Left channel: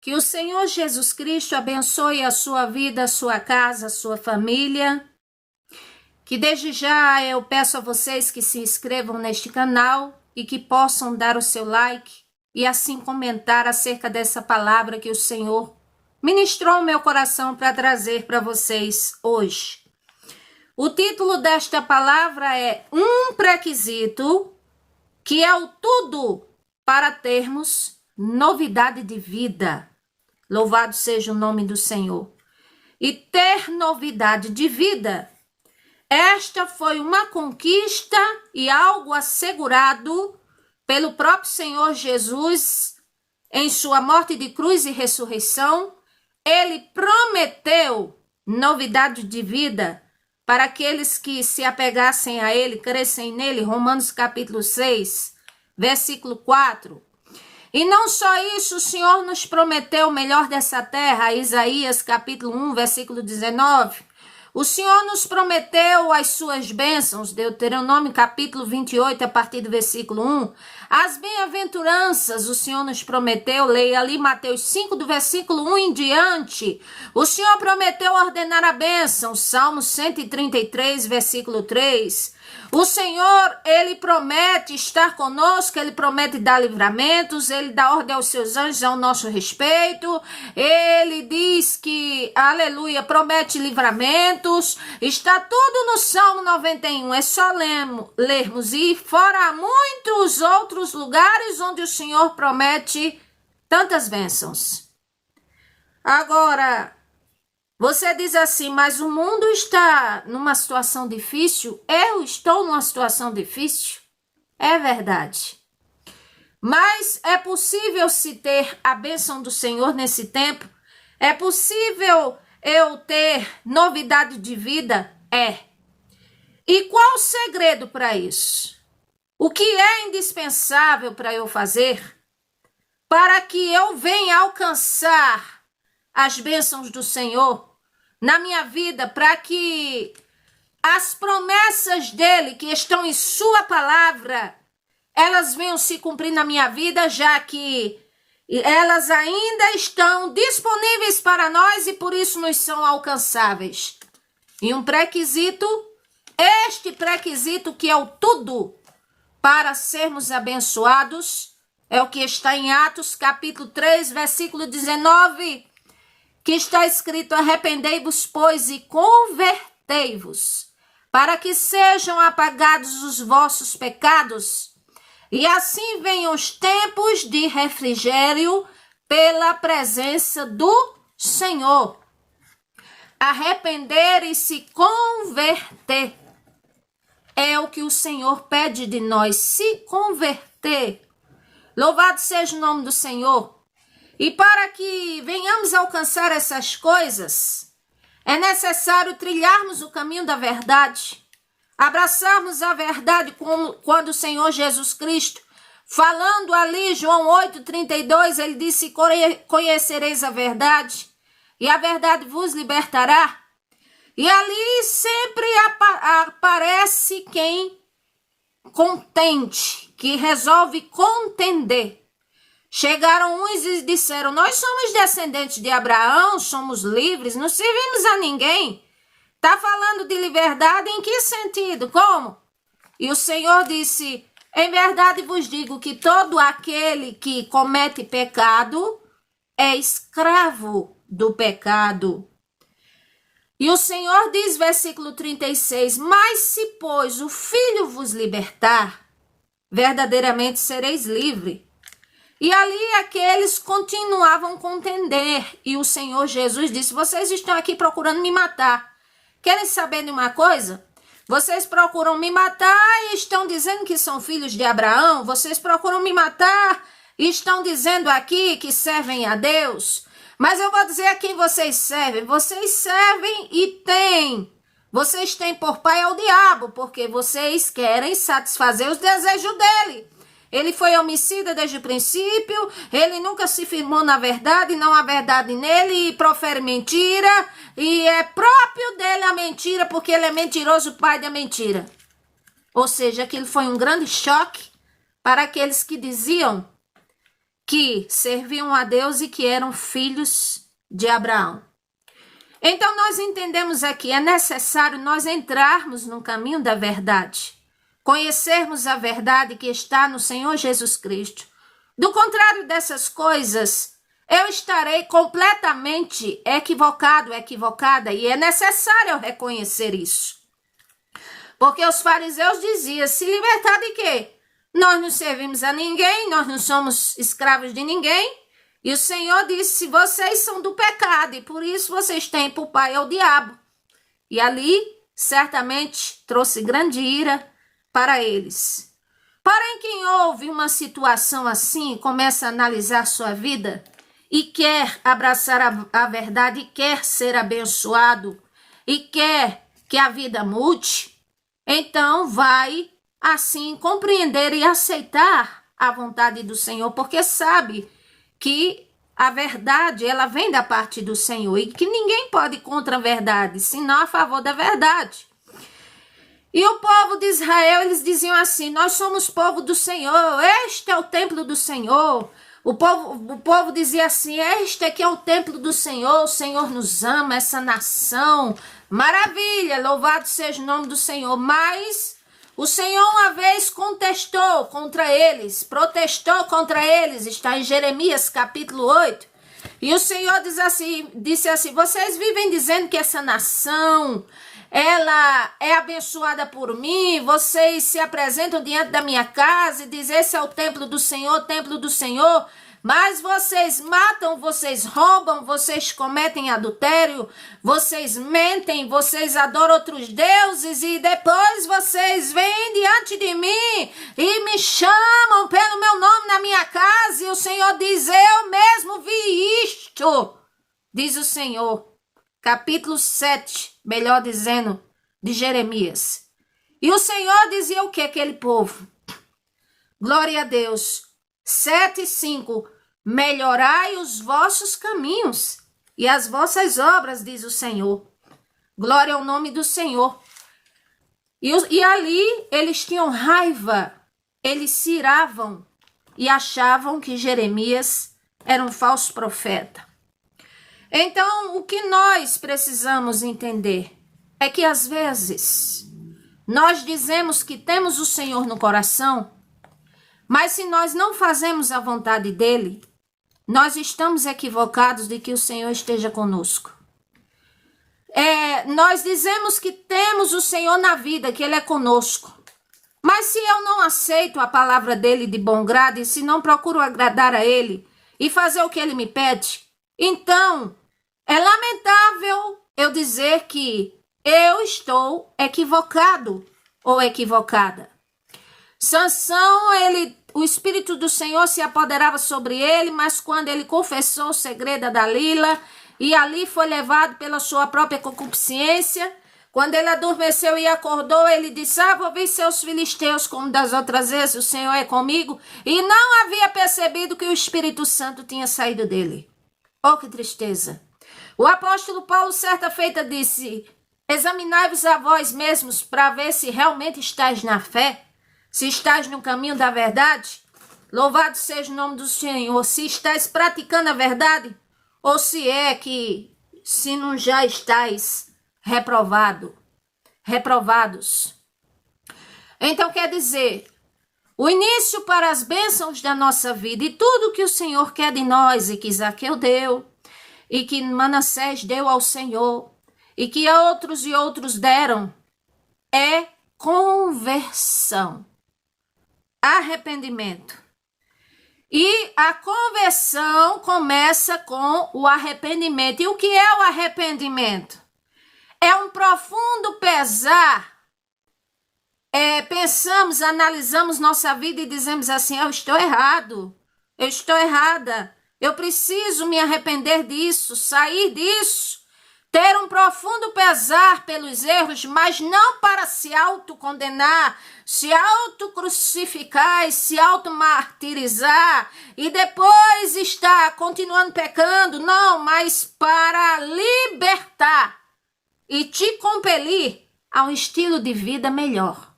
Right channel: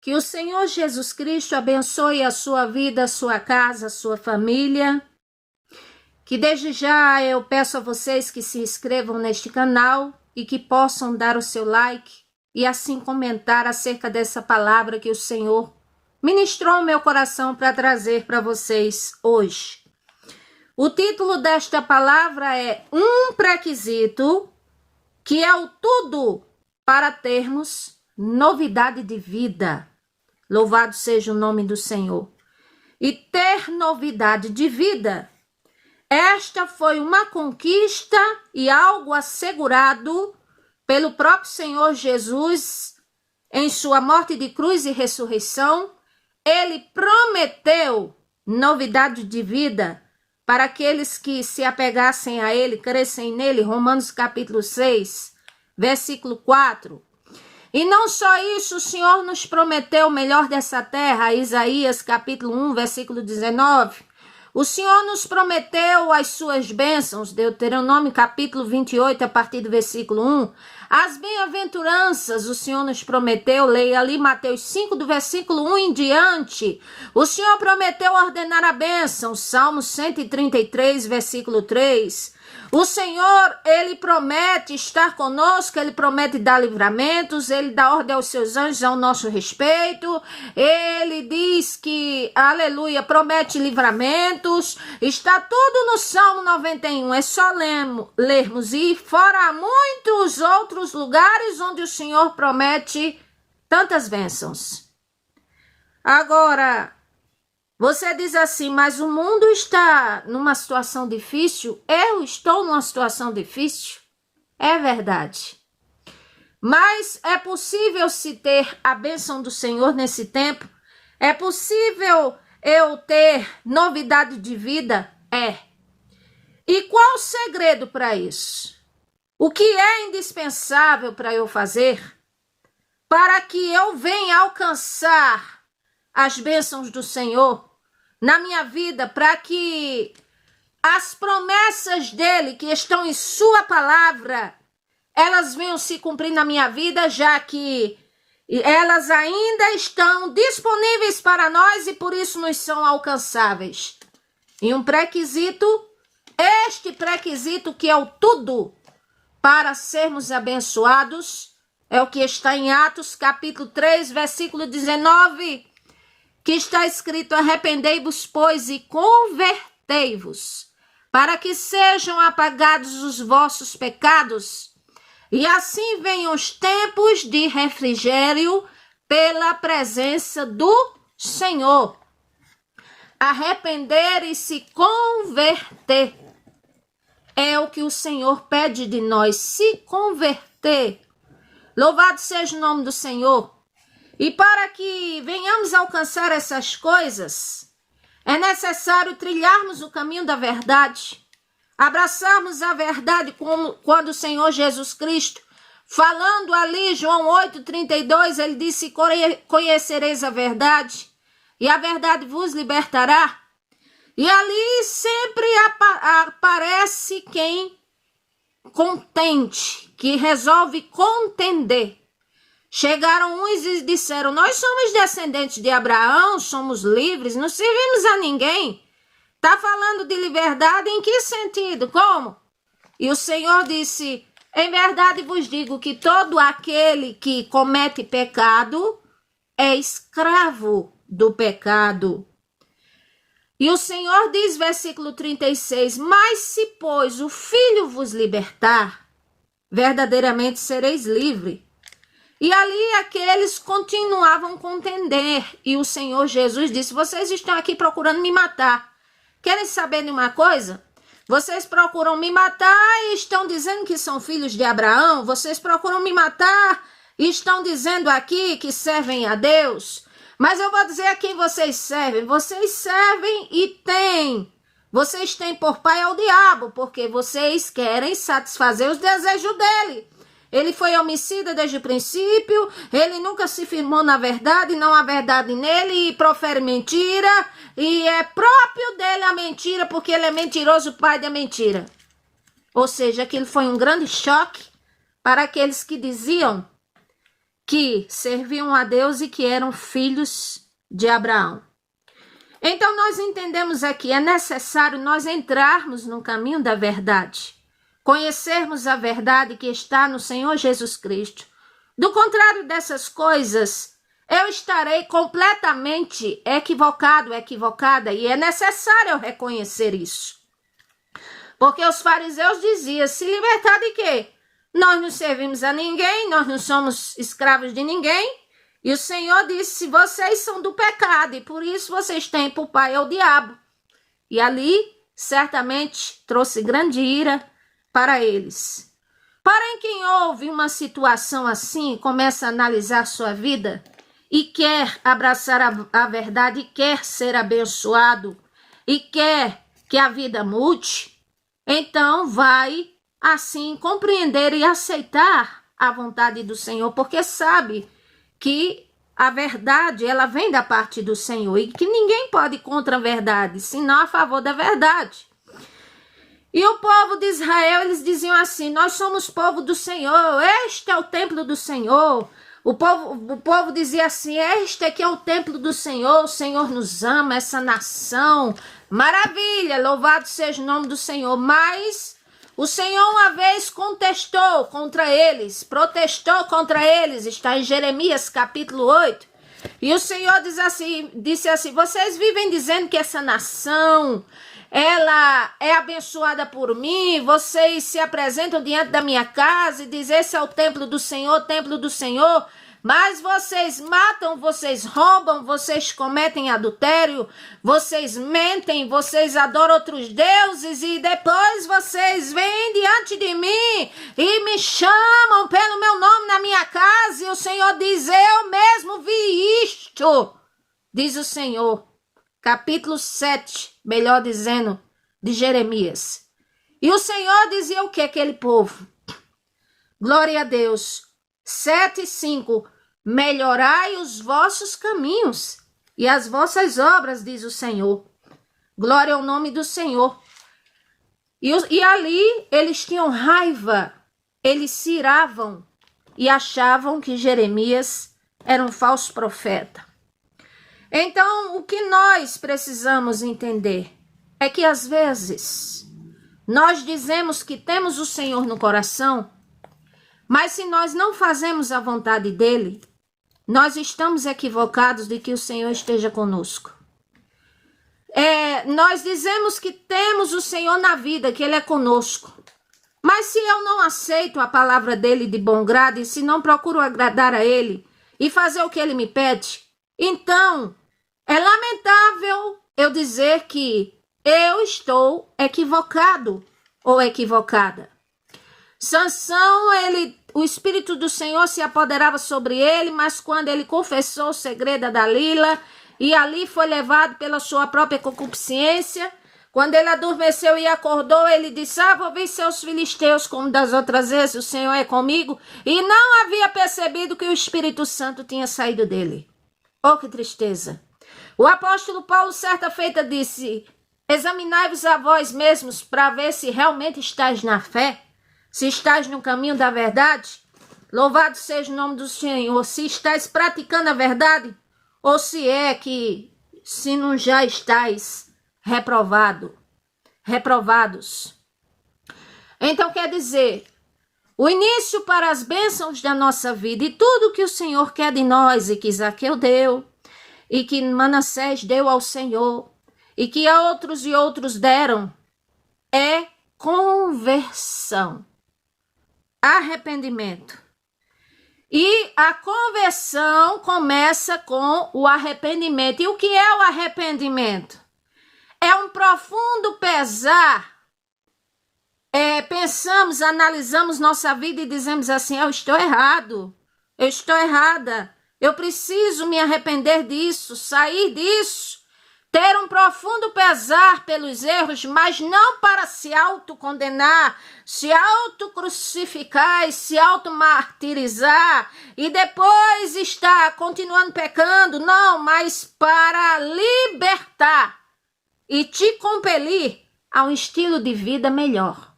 Que o Senhor Jesus Cristo abençoe a sua vida, a sua casa, a sua família. Que desde já eu peço a vocês que se inscrevam neste canal e que possam dar o seu like e assim comentar acerca dessa palavra que o Senhor ministrou ao meu coração para trazer para vocês hoje. O título desta palavra é Um Pré-requisito, que é o tudo para termos novidade de vida. Louvado seja o nome do Senhor. E ter novidade de vida, esta foi uma conquista e algo assegurado pelo próprio Senhor Jesus em sua morte de cruz e ressurreição. Ele prometeu novidade de vida para aqueles que se apegassem a ele, crescem nele. Romanos capítulo 6, versículo 4. E não só isso, o Senhor nos prometeu o melhor dessa terra, Isaías capítulo 1, versículo 19. O Senhor nos prometeu as suas bênçãos, Deuteronômio capítulo 28, a partir do versículo 1. As bem-aventuranças o Senhor nos prometeu, leia ali Mateus 5, do versículo 1 em diante. O Senhor prometeu ordenar a bênção, Salmo 133, versículo 3. O Senhor, Ele promete estar conosco, Ele promete dar livramentos, Ele dá ordem aos seus anjos ao nosso respeito, Ele diz que, aleluia, promete livramentos, está tudo no Salmo 91, é só lermos, e fora muitos outros lugares onde o Senhor promete tantas bênçãos. Agora, você diz assim, mas o mundo está numa situação difícil, eu estou numa situação difícil. É verdade. Mas é possível se ter a bênção do Senhor nesse tempo? É possível eu ter novidade de vida? É. E qual o segredo para isso? O que é indispensável para eu fazer para que eu venha alcançar as bênçãos do Senhor na minha vida, para que as promessas dele que estão em sua palavra, elas venham se cumprir na minha vida, já que elas ainda estão disponíveis para nós e por isso nos são alcançáveis. E um pré-requisito, este pré-requisito que é o tudo para sermos abençoados, é o que está em Atos capítulo 3, versículo 19, que está escrito: arrependei-vos, pois, e convertei-vos, para que sejam apagados os vossos pecados, e assim venham os tempos de refrigério pela presença do Senhor. Arrepender e se converter é o que o Senhor pede de nós, se converter. Louvado seja o nome do Senhor. E para que venhamos alcançar essas coisas, é necessário trilharmos o caminho da verdade, abraçarmos a verdade como quando o Senhor Jesus Cristo, falando ali, João 8,32, ele disse: conhecereis a verdade, e a verdade vos libertará. E ali sempre aparece quem contente, que resolve contender. Chegaram uns e disseram: nós somos descendentes de Abraão, somos livres, não servimos a ninguém. Está falando de liberdade em que sentido? Como? E o Senhor disse: em verdade vos digo que todo aquele que comete pecado é escravo do pecado. E o Senhor diz, versículo 36, mas se, pois, o Filho vos libertar, verdadeiramente sereis livres. E ali aqueles continuavam a contender. E o Senhor Jesus disse: vocês estão aqui procurando me matar. Querem saber de uma coisa? Vocês procuram me matar e estão dizendo que são filhos de Abraão. Vocês procuram me matar e estão dizendo aqui que servem a Deus. Mas eu vou dizer a quem vocês servem. Vocês servem e têm. Vocês têm por pai ao diabo, porque vocês querem satisfazer os desejos dele. Ele foi homicida desde o princípio, ele nunca se firmou na verdade, não há verdade nele, e profere mentira, e é próprio dele a mentira, porque ele é mentiroso, pai da mentira. Ou seja, aquilo foi um grande choque para aqueles que diziam que serviam a Deus e que eram filhos de Abraão. Então nós entendemos aqui, é necessário nós entrarmos no caminho da verdade, conhecermos a verdade que está no Senhor Jesus Cristo. Do contrário dessas coisas, eu estarei completamente equivocado, equivocada, e é necessário eu reconhecer isso. Porque os fariseus diziam, se libertar de quê? Nós não servimos a ninguém, nós não somos escravos de ninguém. E o Senhor disse, vocês são do pecado e por isso vocês têm por pai o diabo. E ali, certamente, trouxe grande ira para eles. Porém, quem ouve uma situação assim, começa a analisar sua vida e quer abraçar a verdade, e quer ser abençoado, e quer que a vida mude, então vai, assim, compreender e aceitar a vontade do Senhor, porque sabe que a verdade, ela vem da parte do Senhor e que ninguém pode ir contra a verdade, senão a favor da verdade. E o povo de Israel, eles diziam assim, nós somos povo do Senhor, este é o templo do Senhor. O povo dizia assim, este aqui é o templo do Senhor, o Senhor nos ama, essa nação, maravilha, louvado seja o nome do Senhor. Mas o Senhor uma vez contestou contra eles, protestou contra eles, está em Jeremias capítulo 8. E o Senhor disse assim, vocês vivem dizendo que essa nação, ela é abençoada por mim, vocês se apresentam diante da minha casa e dizem, esse é o templo do Senhor, mas vocês matam, vocês roubam, vocês cometem adultério, vocês mentem, vocês adoram outros deuses e depois vocês vêm diante de mim e me chamam pelo meu nome na minha casa. E o Senhor diz, eu mesmo vi isto, diz o Senhor. Capítulo 7, melhor dizendo, de Jeremias. E o Senhor dizia o que aquele povo? Glória a Deus. 7:5, melhorai os vossos caminhos e as vossas obras, diz o Senhor. Glória ao nome do Senhor. E ali eles tinham raiva, eles se iravam e achavam que Jeremias era um falso profeta. Então, o que nós precisamos entender é que às vezes nós dizemos que temos o Senhor no coração, mas se nós não fazemos a vontade dele, nós estamos equivocados de que o Senhor esteja conosco. Nós dizemos que temos o Senhor na vida, que ele é conosco. Mas se eu não aceito a palavra dele de bom grado e se não procuro agradar a ele e fazer o que ele me pede, então é lamentável eu dizer que eu estou equivocado ou equivocada. Sansão, o Espírito do Senhor se apoderava sobre ele, mas quando ele confessou o segredo a Dalila, e ali foi levado pela sua própria concupiscência, quando ele adormeceu e acordou, ele disse, vou ver seus filisteus como das outras vezes, o Senhor é comigo, e não havia percebido que o Espírito Santo tinha saído dele. Oh, que tristeza! O apóstolo Paulo, certa feita, disse, examinai-vos a vós mesmos para ver se realmente estáis na fé, se estás no caminho da verdade, louvado seja o nome do Senhor, se estás praticando a verdade, ou se não já estáis reprovados. Então quer dizer, o início para as bênçãos da nossa vida e tudo que o Senhor quer de nós e que Zaqueu deu, e que Manassés deu ao Senhor, e que outros e outros deram, é conversão. Arrependimento. E a conversão começa com o arrependimento. E o que é o arrependimento? É um profundo pesar. Pensamos, analisamos nossa vida e dizemos assim, eu estou errado, eu estou errada, eu preciso me arrepender disso, sair disso, ter um profundo pesar pelos erros, mas não para se autocondenar, se autocrucificar e se automartirizar e depois estar continuando pecando, não, mas para libertar e te compelir a um estilo de vida melhor.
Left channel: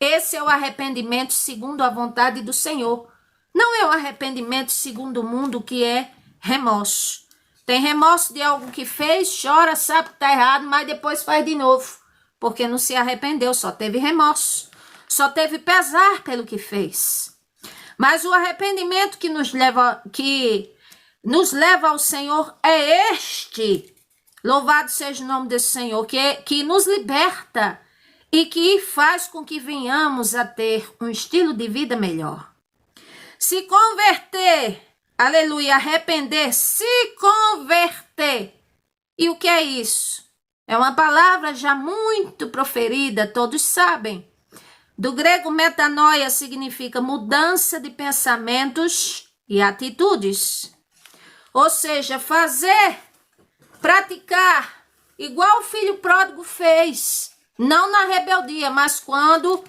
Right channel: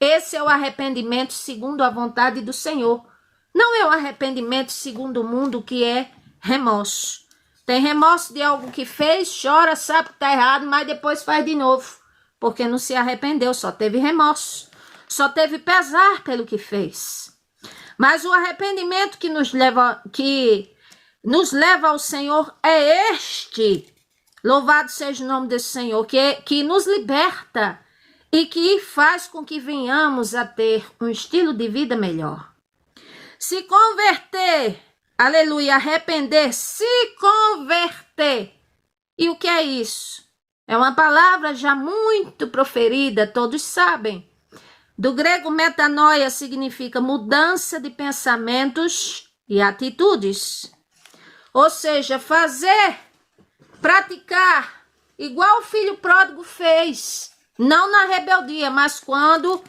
Esse é o arrependimento segundo a vontade do Senhor. Não é o arrependimento segundo o mundo, que é remorso. Tem remorso de algo que fez, chora, sabe que está errado, mas depois faz de novo, porque não se arrependeu, só teve remorso, só teve pesar pelo que fez. Mas o arrependimento que nos leva ao Senhor é este. Louvado seja o nome desse Senhor, que nos liberta e que faz com que venhamos a ter um estilo de vida melhor. Se converter, aleluia, arrepender, se converter. E o que é isso? É uma palavra já muito proferida, todos sabem. Do grego metanoia significa mudança de pensamentos e atitudes. Ou seja, fazer, praticar, igual o filho pródigo fez. Não na rebeldia, mas quando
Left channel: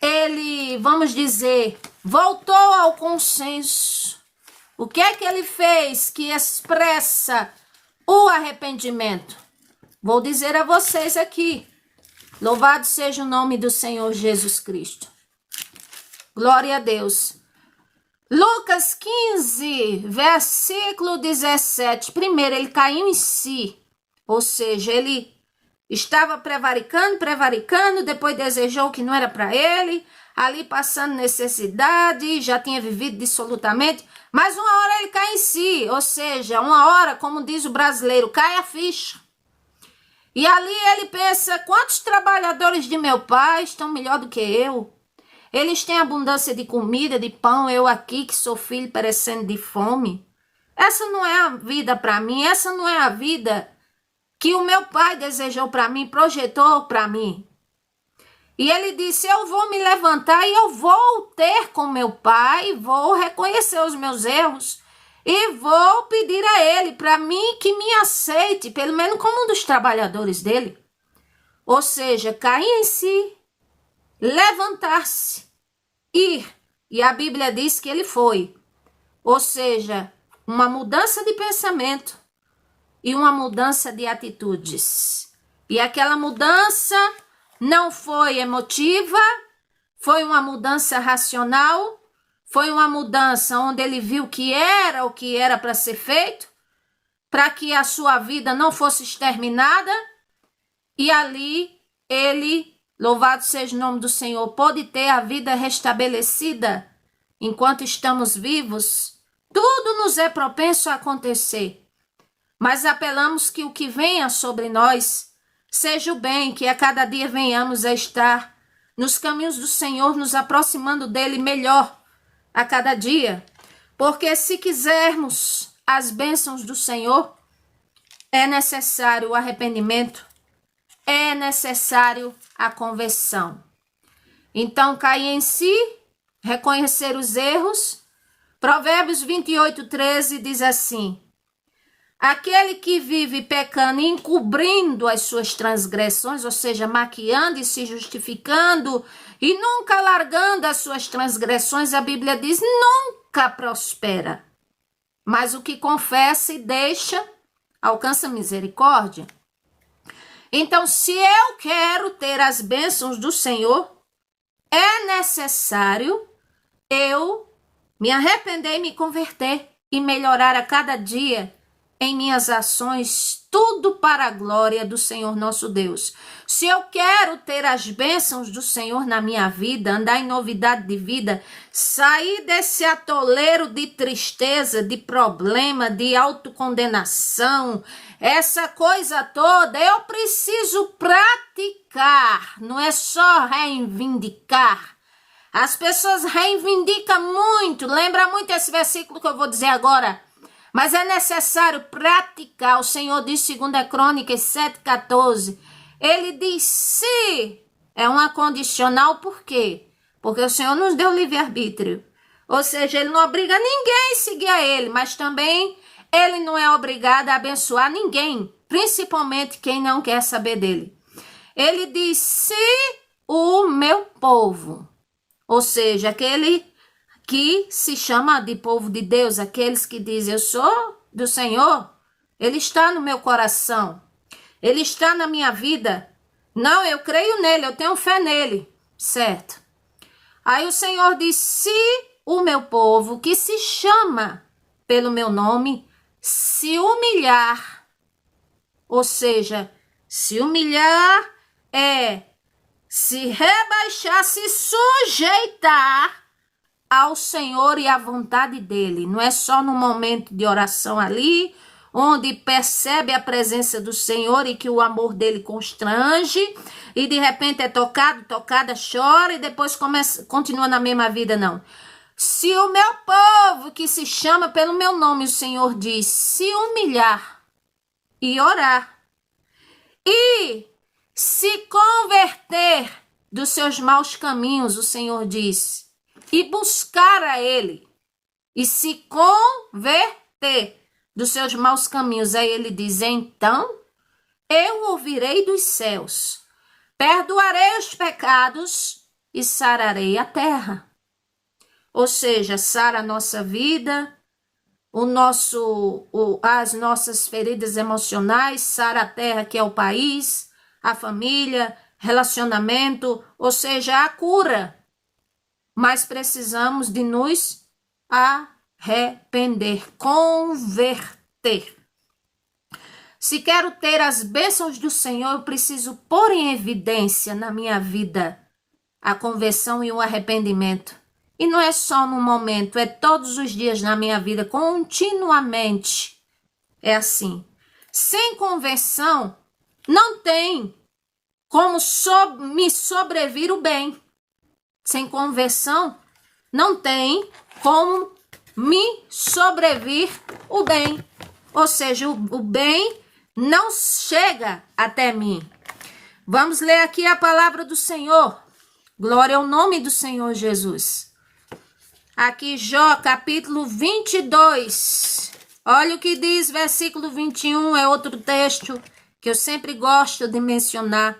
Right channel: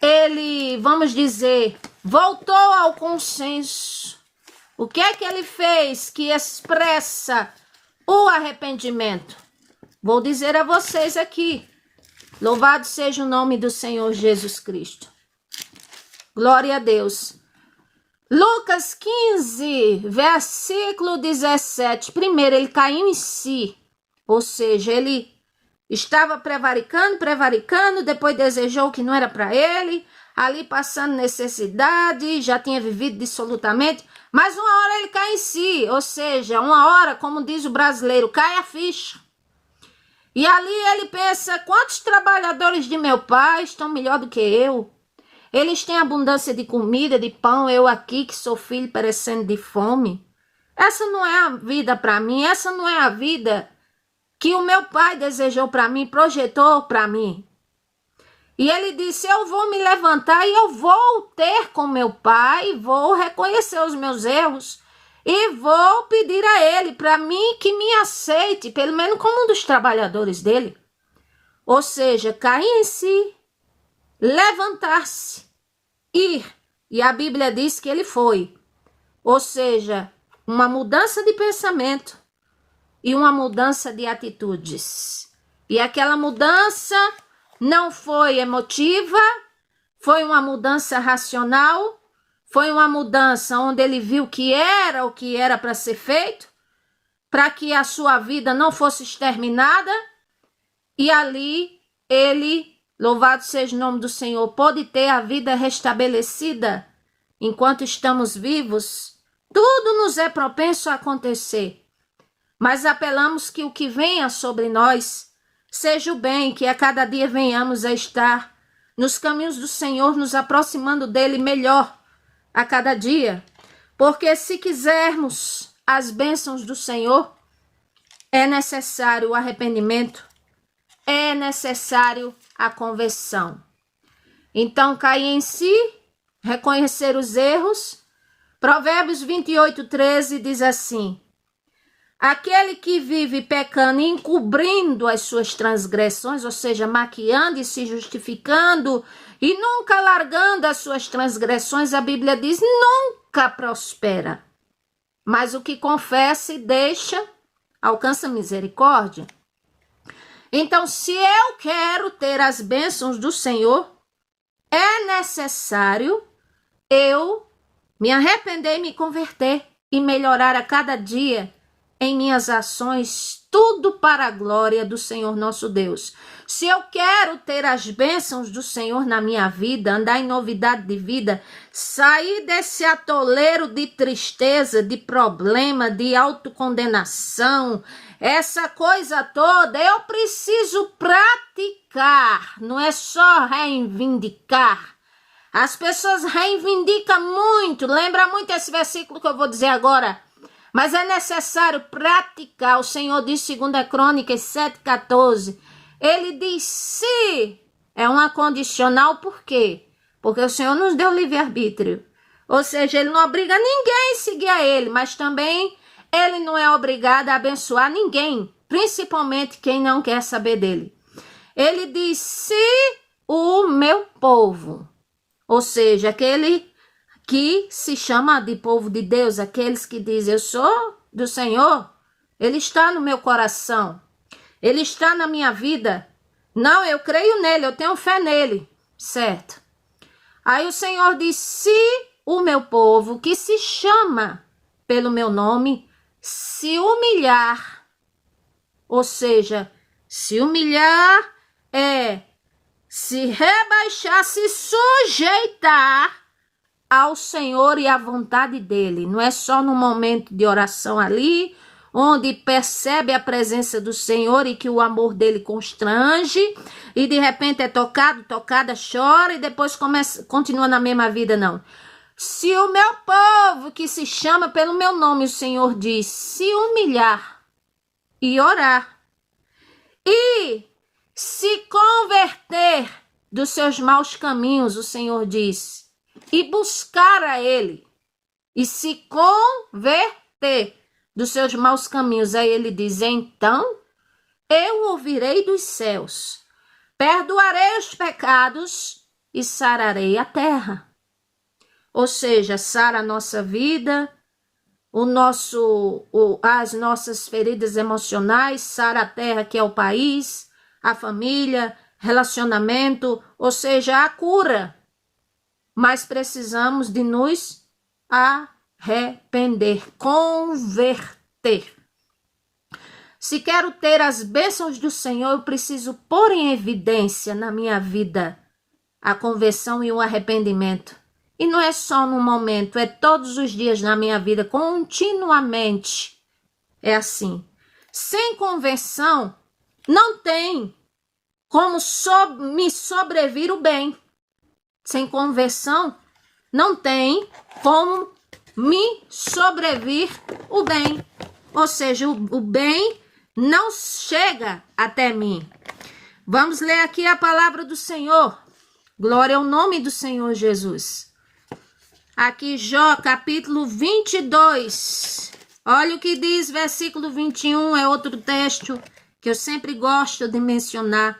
ele, vamos dizer, voltou ao consenso. O que é que ele fez que expressa o arrependimento? Vou dizer a vocês aqui. Louvado seja o nome do Senhor Jesus Cristo. Glória a Deus. Lucas 15, versículo 17. Primeiro, ele caiu em si. Ou seja, ele estava prevaricando, depois desejou o que não era para ele, ali passando necessidade, já tinha vivido dissolutamente, mas uma hora ele cai em si, ou seja, uma hora, como diz o brasileiro, cai a ficha. E ali ele pensa, quantos trabalhadores de meu pai estão melhor do que eu? Eles têm abundância de comida, de pão, eu aqui que sou filho perecendo de fome. Essa não é a vida para mim, essa não é a vida que o meu pai desejou para mim, projetou para mim. E ele disse, eu vou me levantar e eu vou ter com meu pai, vou reconhecer os meus erros e vou pedir a ele, para mim, que me aceite, pelo menos como um dos trabalhadores dele. Ou seja, cair em si, levantar-se, ir. E a Bíblia diz que ele foi. Ou seja, uma mudança de pensamento e uma mudança de atitudes. E aquela mudança não foi emotiva, foi uma mudança racional, foi uma mudança onde ele viu que era o que era para ser feito, para que a sua vida não fosse exterminada, e ali ele, louvado seja o nome do Senhor, pode ter a vida restabelecida enquanto estamos vivos. Tudo nos é propenso a acontecer, mas apelamos que o que venha sobre nós seja o bem, que a cada dia venhamos a estar nos caminhos do Senhor, nos aproximando dele melhor a cada dia, porque se quisermos as bênçãos do Senhor, é necessário o arrependimento, é necessário a conversão. Então, cair em si, reconhecer os erros. Provérbios 28:13 diz assim, aquele que vive pecando e encobrindo as suas transgressões, ou seja, maquiando e se justificando e nunca largando as suas transgressões, a Bíblia diz, nunca prospera. Mas o que confessa e deixa, alcança misericórdia. Então, se eu quero ter as bênçãos do Senhor, é necessário eu me arrepender e me converter e melhorar a cada dia em minhas ações, tudo para a glória do Senhor nosso Deus. Se eu quero ter as bênçãos do Senhor na minha vida, andar em novidade de vida, sair desse atoleiro de tristeza, de problema, de autocondenação, essa coisa toda, eu preciso praticar, não é só reivindicar. As pessoas reivindicam muito, lembra muito esse versículo que eu vou dizer agora, mas é necessário praticar. O Senhor diz, 2 Crônicas 7:14, ele diz se, é uma condicional, por quê? Porque o Senhor nos deu livre-arbítrio, ou seja, ele não obriga ninguém a seguir a ele, mas também ele não é obrigado a abençoar ninguém, principalmente quem não quer saber dele. Ele diz, se o meu povo, ou seja, aquele que se chama de povo de Deus, aqueles que dizem, eu sou do Senhor, ele está no meu coração, ele está na minha vida. Não, eu creio nele, eu tenho fé nele, certo? Aí o Senhor diz, se o meu povo, que se chama pelo meu nome, se humilhar, ou seja, se humilhar é se rebaixar, se sujeitar ao Senhor e à vontade dele. Não é só no momento de oração ali, onde percebe a presença do Senhor e que o amor dele constrange, e de repente é tocada, chora e depois continua na mesma vida, não. Se o meu povo, que se chama pelo meu nome, o Senhor diz, se humilhar e orar, e se converter dos seus maus caminhos, o Senhor diz, e buscar a ele, e se converter dos seus maus caminhos, aí ele diz, então eu ouvirei dos céus, perdoarei os pecados e sararei a terra. Ou seja, sara a nossa vida, as nossas feridas emocionais, sara a terra, que é o país, a família, relacionamento, ou seja, a cura. Mas precisamos de nos arrepender, converter. Se quero ter as bênçãos do Senhor, eu preciso pôr em evidência na minha vida a conversão e o arrependimento. E não é só no momento, é todos os dias na minha vida, continuamente. É assim. Sem conversão, não tem como me sobrevir o bem. Sem conversão, não tem como me sobrevir o bem. Ou seja, o bem não chega até mim. Vamos ler aqui a palavra do Senhor. Glória ao nome do Senhor Jesus. Aqui, Jó, capítulo 22. Olha o que diz, versículo 21, é outro texto que eu sempre gosto de mencionar.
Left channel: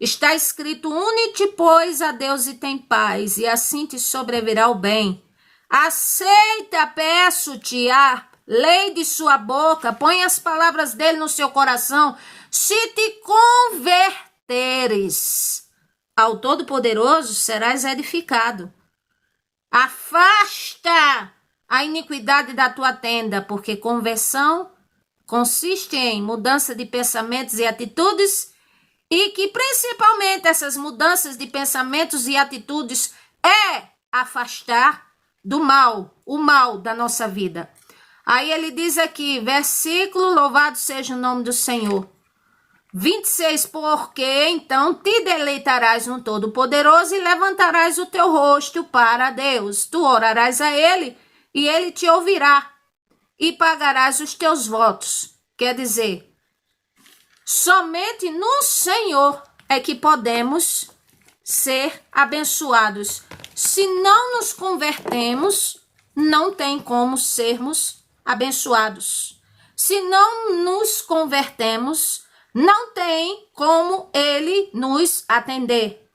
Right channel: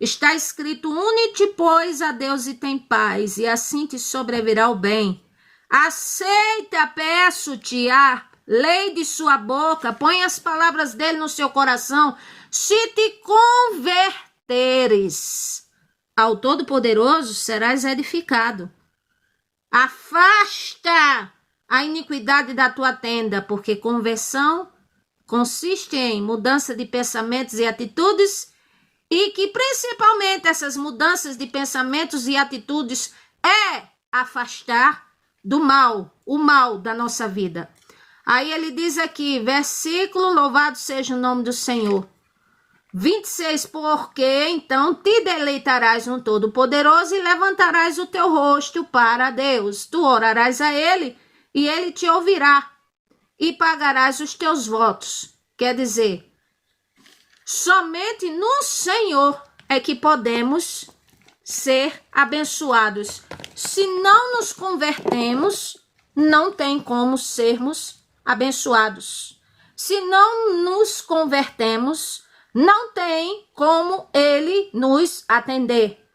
Está escrito, une-te, pois, a Deus e tem paz, e assim te sobrevirá o bem. Aceita, peço-te, a lei de sua boca, põe as palavras dele no seu coração. Se te converteres ao Todo-Poderoso, serás edificado. Afasta a iniquidade da tua tenda, porque conversão consiste em mudança de pensamentos e atitudes, e que principalmente essas mudanças de pensamentos e atitudes é afastar do mal, o mal da nossa vida. Aí ele diz aqui, versículo, louvado seja o nome do Senhor. 26, porque então te deleitarás no Todo-Poderoso e levantarás o teu rosto para Deus. Tu orarás a ele e ele te ouvirá e pagarás os teus votos. Quer dizer, somente no Senhor é que podemos ser abençoados. Se não nos convertemos, não tem como sermos abençoados. Se não nos convertemos, não tem como ele nos atender.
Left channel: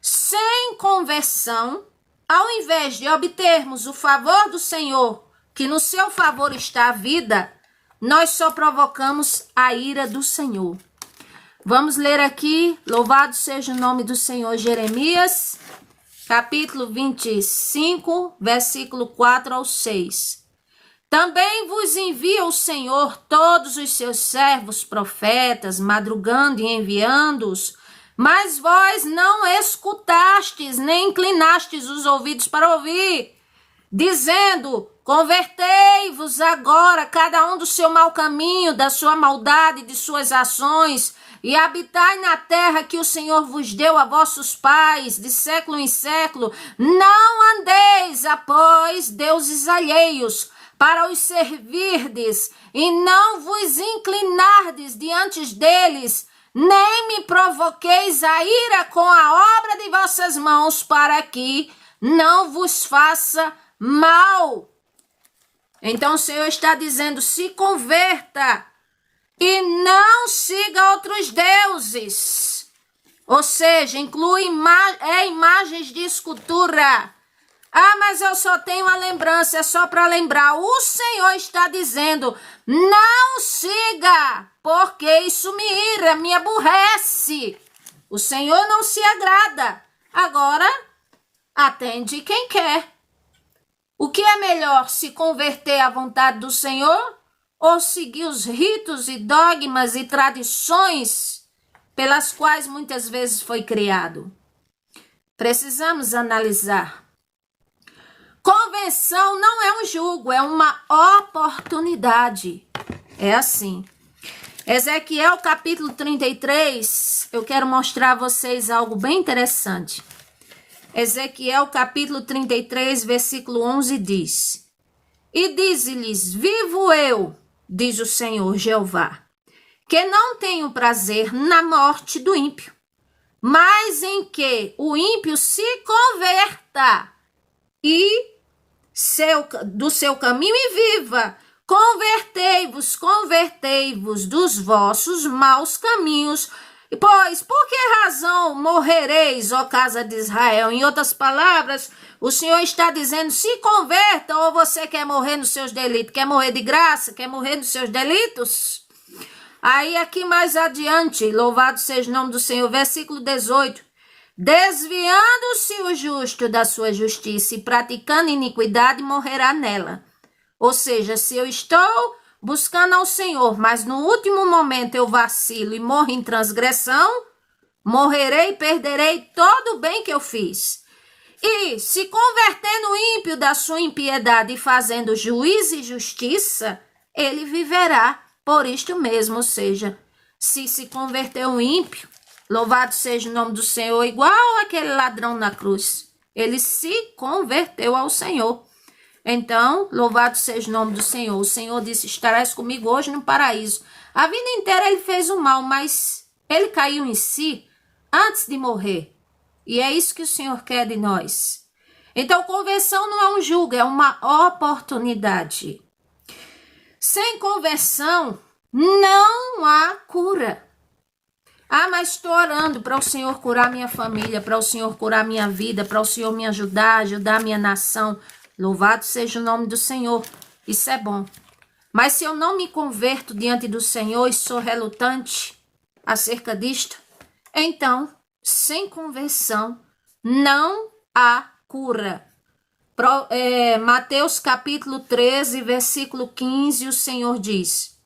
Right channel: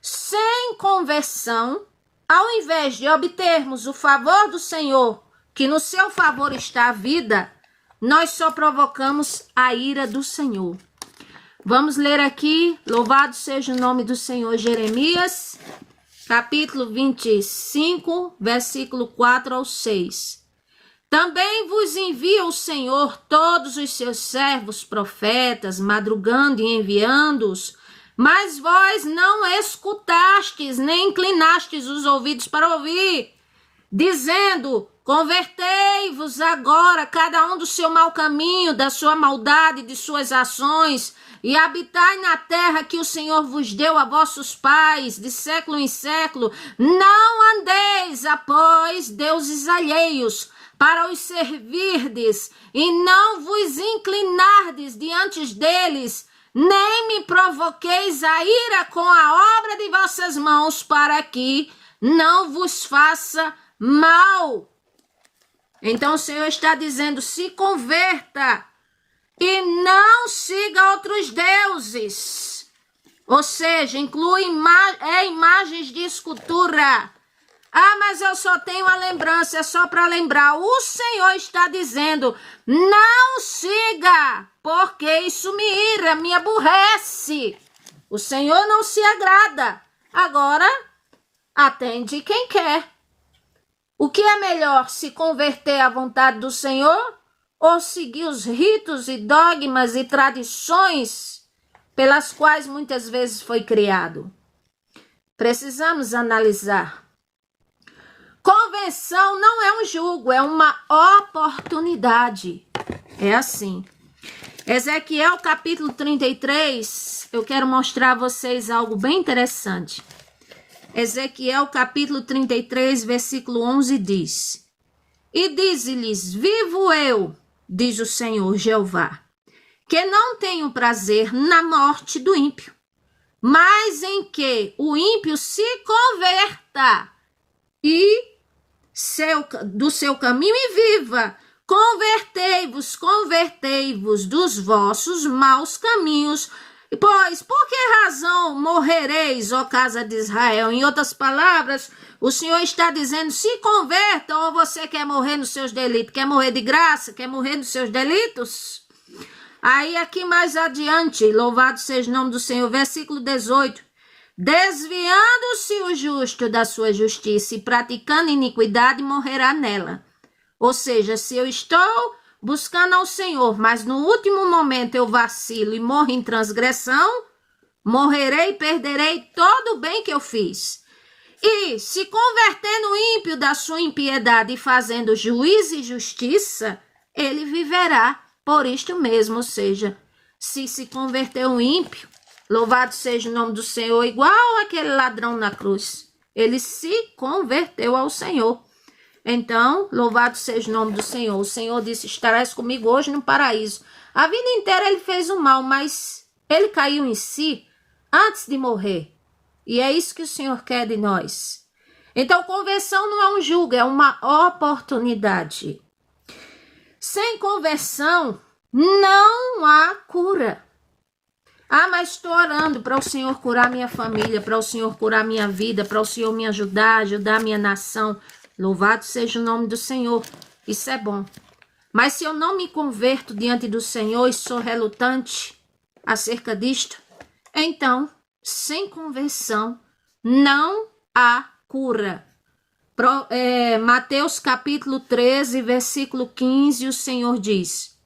Sem conversão, ao invés de obtermos o favor do Senhor, que no seu favor está a vida, nós só provocamos a ira do Senhor. Vamos ler aqui, louvado seja o nome do Senhor, Jeremias, capítulo 25, versículo 4 ao 6. Também vos envia o Senhor todos os seus servos profetas, madrugando e enviando-os, mas vós não escutastes, nem inclinastes os ouvidos para ouvir, dizendo, convertei-vos agora, cada um do seu mau caminho, da sua maldade, de suas ações, e habitai na terra que o Senhor vos deu a vossos pais, de século em século. Não andeis após deuses alheios, para os servirdes, e não vos inclinardes diante deles, nem me provoqueis a ira com a obra de vossas mãos, para que não vos faça mal. Então o Senhor está dizendo, se converta e não siga outros deuses. Ou seja, inclui imagens de escultura. Ah, mas eu só tenho a lembrança, é só para lembrar. O Senhor está dizendo, não siga, porque isso me ira, me aborrece. O Senhor não se agrada. Agora, atende quem quer. O que é melhor, se converter à vontade do Senhor ou seguir os ritos e dogmas e tradições pelas quais muitas vezes foi criado? Precisamos analisar. Convenção não é um jugo, é uma oportunidade. É assim. Ezequiel capítulo 33, eu quero mostrar a vocês algo bem interessante. Ezequiel capítulo 33, versículo 11 diz: E dize-lhes, vivo eu, diz o Senhor Jeová, que não tenho prazer na morte do ímpio, mas em que o ímpio se converta e do seu caminho e viva. Convertei-vos, convertei-vos dos vossos maus caminhos. Pois, por que razão morrereis, ó casa de Israel? Em outras palavras, o Senhor está dizendo, se converta, ou você quer morrer nos seus delitos? Quer morrer de graça? Quer morrer nos seus delitos? Aí, aqui mais adiante, louvado seja o nome do Senhor, versículo 18. Desviando-se o justo da sua justiça e praticando iniquidade, morrerá nela. Ou seja, se eu estou buscando ao Senhor, mas no último momento eu vacilo e morro em transgressão, morrerei e perderei todo o bem que eu fiz. E se convertendo o ímpio da sua impiedade e fazendo juízo e justiça, ele viverá por isto mesmo. Ou seja, se converter o ímpio, louvado seja o nome do Senhor, igual aquele ladrão na cruz, ele se converteu ao Senhor. Então, louvado seja o nome do Senhor. O Senhor disse, estarás comigo hoje no paraíso. A vida inteira ele fez o mal, mas ele caiu em si antes de morrer. E é isso que o Senhor quer de nós. Então, conversão não é um jugo, é uma oportunidade. Sem conversão, não há cura. Ah, mas estou orando para o Senhor curar minha família, para o Senhor curar minha vida, para o Senhor me ajudar a minha nação. Louvado seja o nome do Senhor. Isso é bom. Mas se eu não me converto diante do Senhor e sou relutante acerca disto, então, sem conversão, não há cura. Mateus capítulo 13, versículo 15, o Senhor diz:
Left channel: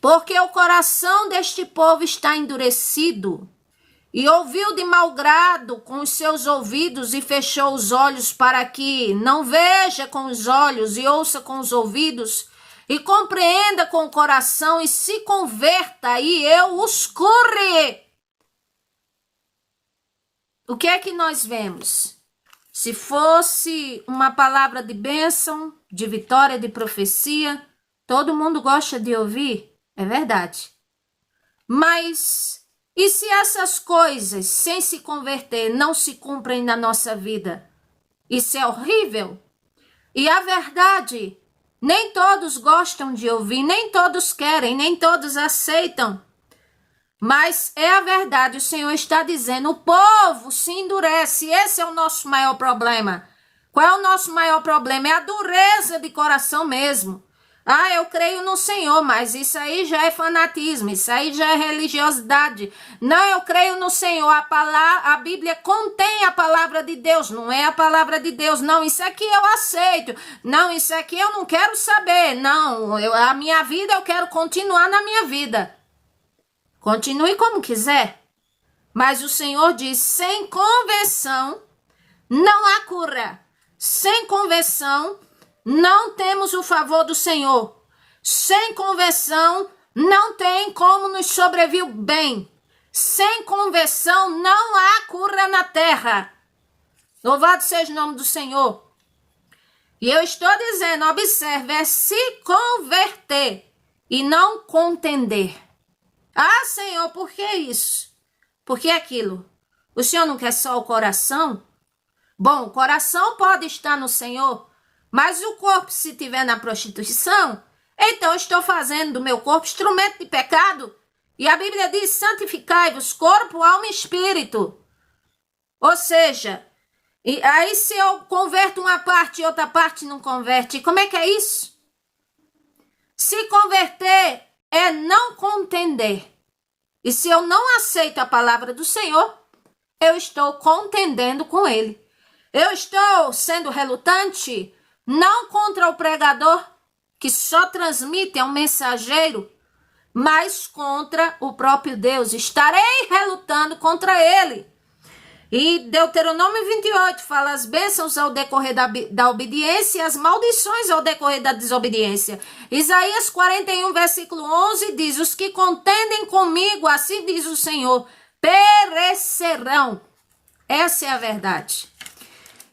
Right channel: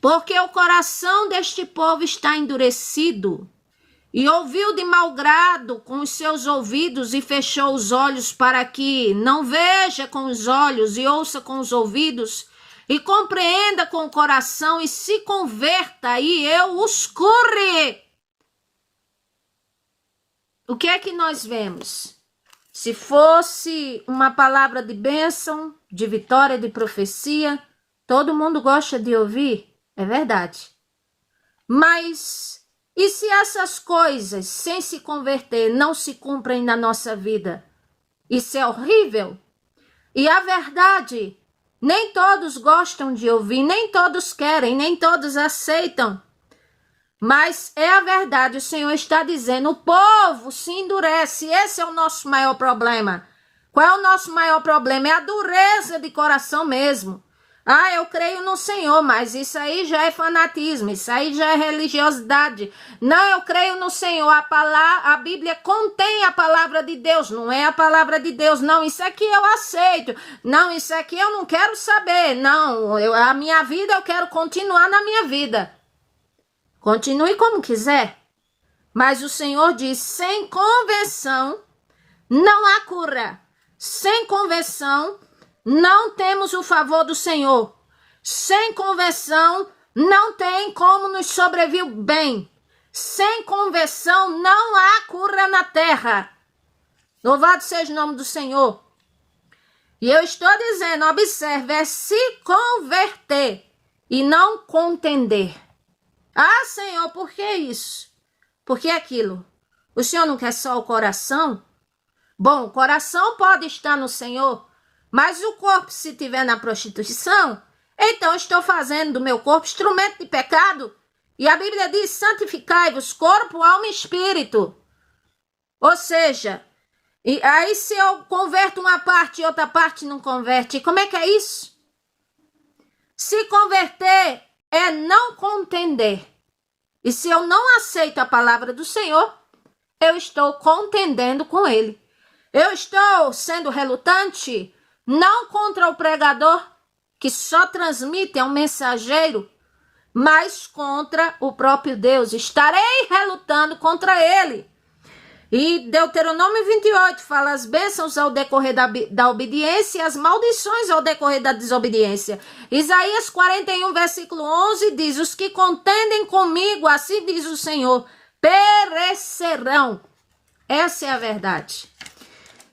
Porque o coração deste povo está endurecido, e ouviu de mau grado com os seus ouvidos e fechou os olhos para que não veja com os olhos e ouça com os ouvidos e compreenda com o coração e se converta e eu os cure. O que é que nós vemos? Se fosse uma palavra de bênção, de vitória, de profecia, todo mundo gosta de ouvir, é verdade. Mas e se essas coisas, sem se converter, não se cumprem na nossa vida? Isso é horrível. E a verdade, nem todos gostam de ouvir, nem todos querem, nem todos aceitam. Mas é a verdade, o Senhor está dizendo, o povo se endurece, esse é o nosso maior problema. Qual é o nosso maior problema? É a dureza de coração mesmo. Ah, eu creio no Senhor, mas isso aí já é fanatismo, isso aí já é religiosidade. Não, eu creio no Senhor, a Bíblia contém a palavra de Deus, não é a palavra de Deus, não, isso aqui eu aceito, não, isso aqui eu não quero saber, não, a minha vida eu quero continuar na minha vida. Continue como quiser, mas o Senhor diz, sem conversão não há cura, sem conversão não temos o favor do Senhor. Sem conversão, não tem como nos sobreviver bem. Sem conversão, não há cura na terra. Louvado seja o nome do Senhor. E eu estou dizendo, observe, é se converter e não contender. Ah, Senhor, por que isso? Por que aquilo? O Senhor não quer só o coração? Bom, o coração pode estar no Senhor, mas o corpo, se estiver na prostituição, então eu estou fazendo do meu corpo instrumento de pecado. E a Bíblia diz, santificai-vos corpo, alma e espírito. Ou seja, e aí se eu converto uma parte e outra parte não converte, como é que é isso? Se converter é não contender. E se eu não aceito a palavra do Senhor, eu estou contendendo com ele. Eu estou sendo relutante, não contra o pregador, que só transmite, é um mensageiro, mas contra o próprio Deus. Estarei relutando contra ele. E Deuteronômio 28 fala as bênçãos ao decorrer da obediência e as maldições ao decorrer da desobediência. Isaías 41, versículo 11 diz: os que contendem comigo, assim diz o Senhor, perecerão. Essa é a verdade.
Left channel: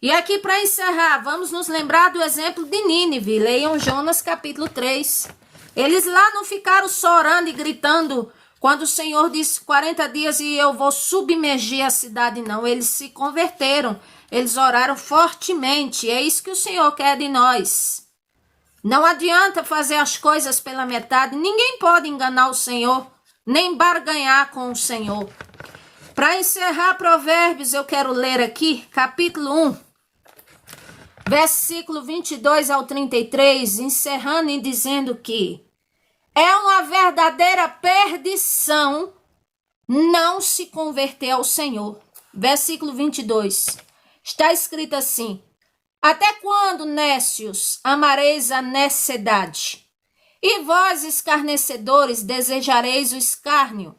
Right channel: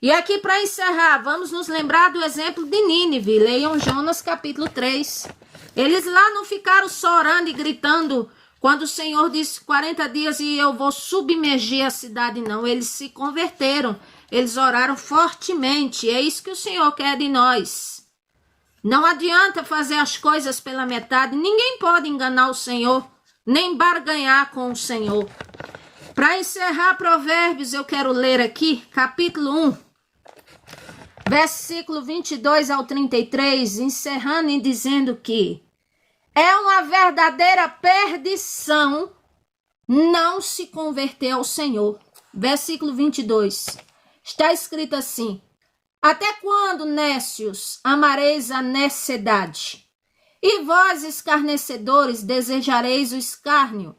E aqui para encerrar, vamos nos lembrar do exemplo de Nínive. Leiam Jonas capítulo 3. Eles lá não ficaram só orando e gritando quando o Senhor disse 40 dias e eu vou submergir a cidade, não. Eles se converteram, eles oraram fortemente. É isso que o Senhor quer de nós. Não adianta fazer as coisas pela metade. Ninguém pode enganar o Senhor, nem barganhar com o Senhor. Para encerrar Provérbios, eu quero ler aqui, capítulo 1, versículo 22 ao 33, encerrando e dizendo que é uma verdadeira perdição não se converter ao Senhor. Versículo 22. Está escrito assim: até quando, nécios, amareis a necessidade? E vós, escarnecedores, desejareis o escárnio?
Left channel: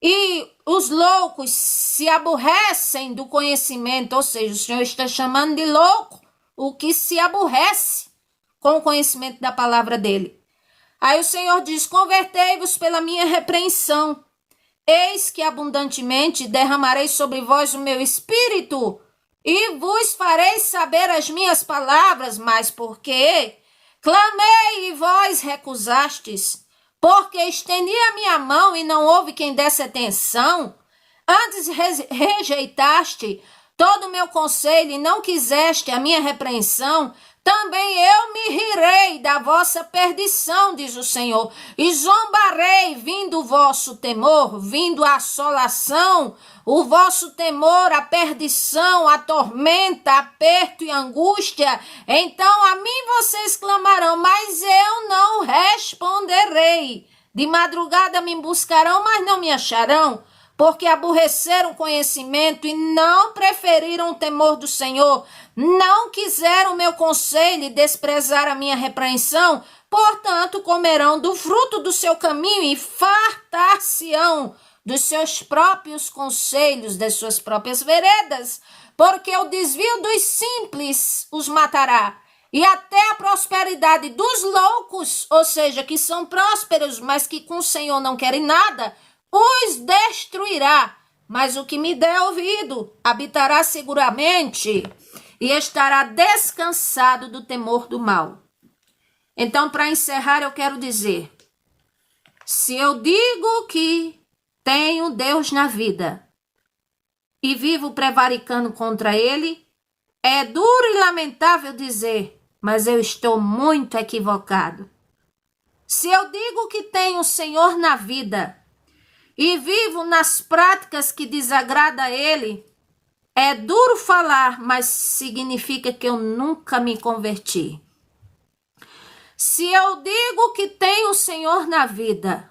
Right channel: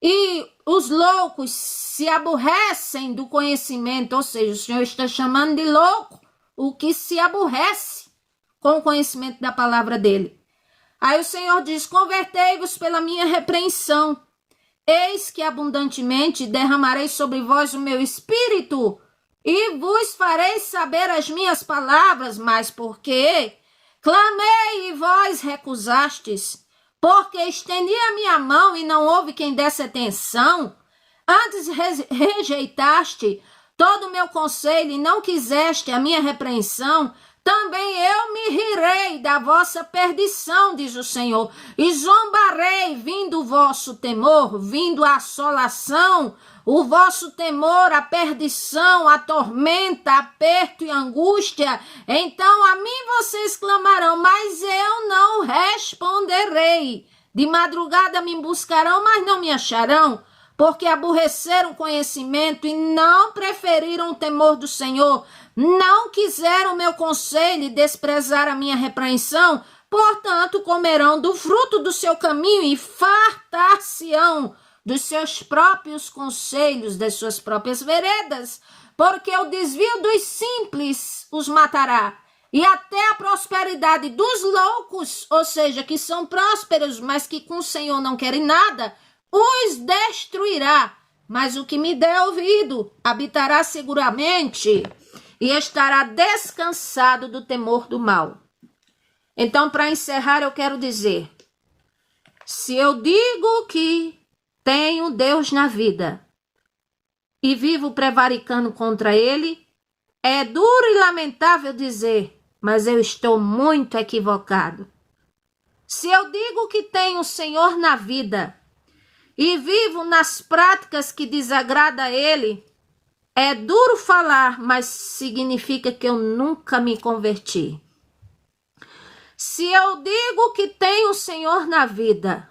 E os loucos se aborrecem do conhecimento, ou seja, o Senhor está chamando de louco o que se aborrece com o conhecimento da palavra dele. Aí o Senhor diz: convertei-vos pela minha repreensão. Eis que abundantemente derramarei sobre vós o meu espírito e vos farei saber as minhas palavras, mas porque clamei e vós recusastes, porque estendi a minha mão e não houve quem desse atenção, antes rejeitaste todo o meu conselho e não quiseste a minha repreensão, também eu me rirei da vossa perdição, diz o Senhor, e zombarei, vindo o vosso temor, vindo a assolação, o vosso temor, a perdição, a tormenta, aperto e angústia. Então a mim vocês clamarão, mas eu não responderei. De madrugada me buscarão, mas não me acharão, porque aborreceram o conhecimento e não preferiram o temor do Senhor, não quiseram o meu conselho e desprezaram a minha repreensão, portanto comerão do fruto do seu caminho e fartar-se-ão dos seus próprios conselhos, das suas próprias veredas, porque o desvio dos simples os matará, e até a prosperidade dos loucos, ou seja, que são prósperos, mas que com o Senhor não querem nada, os destruirá. Mas o que me der ouvido habitará seguramente e estará descansado do temor do mal. Então, para encerrar, eu quero dizer: se eu digo que tenho Deus na vida e vivo prevaricando contra ele, é duro e lamentável dizer, mas eu estou muito equivocado. Se eu digo que tenho o Senhor na vida e vivo nas práticas que desagradam a ele, é duro falar, mas significa que eu nunca me converti. Se eu digo que tenho o Senhor na vida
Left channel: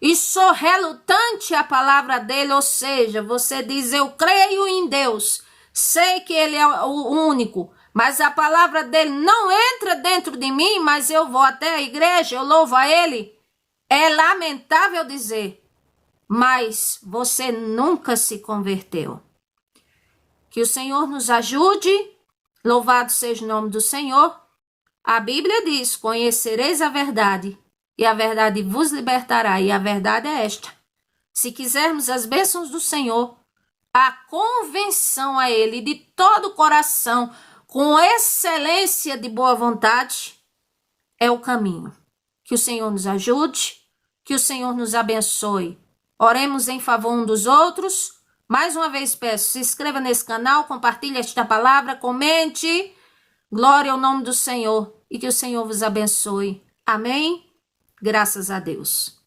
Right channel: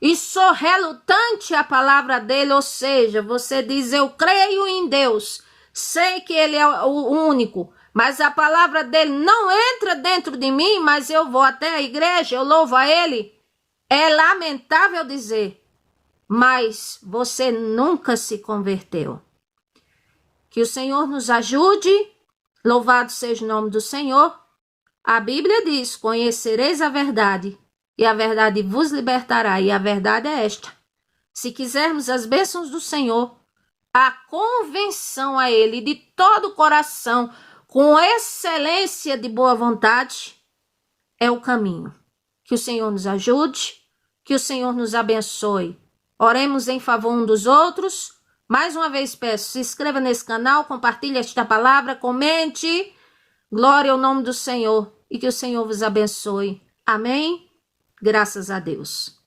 e sou relutante à palavra dele, ou seja, você diz, eu creio em Deus, sei que ele é o único, mas a palavra dele não entra dentro de mim, mas eu vou até a igreja, eu louvo a ele, é lamentável dizer, mas você nunca se converteu. Que o Senhor nos ajude, louvado seja o nome do Senhor. A Bíblia diz, conhecereis a verdade, e a verdade vos libertará, e a verdade é esta. Se quisermos as bênçãos do Senhor, a convenção a ele de todo o coração, com excelência de boa vontade, é o caminho. Que o Senhor nos ajude, que o Senhor nos abençoe. Oremos em favor um dos outros. Mais uma vez peço, se inscreva nesse canal, compartilhe esta palavra, comente. Glória ao nome do Senhor e que o Senhor vos abençoe. Amém? Graças a Deus.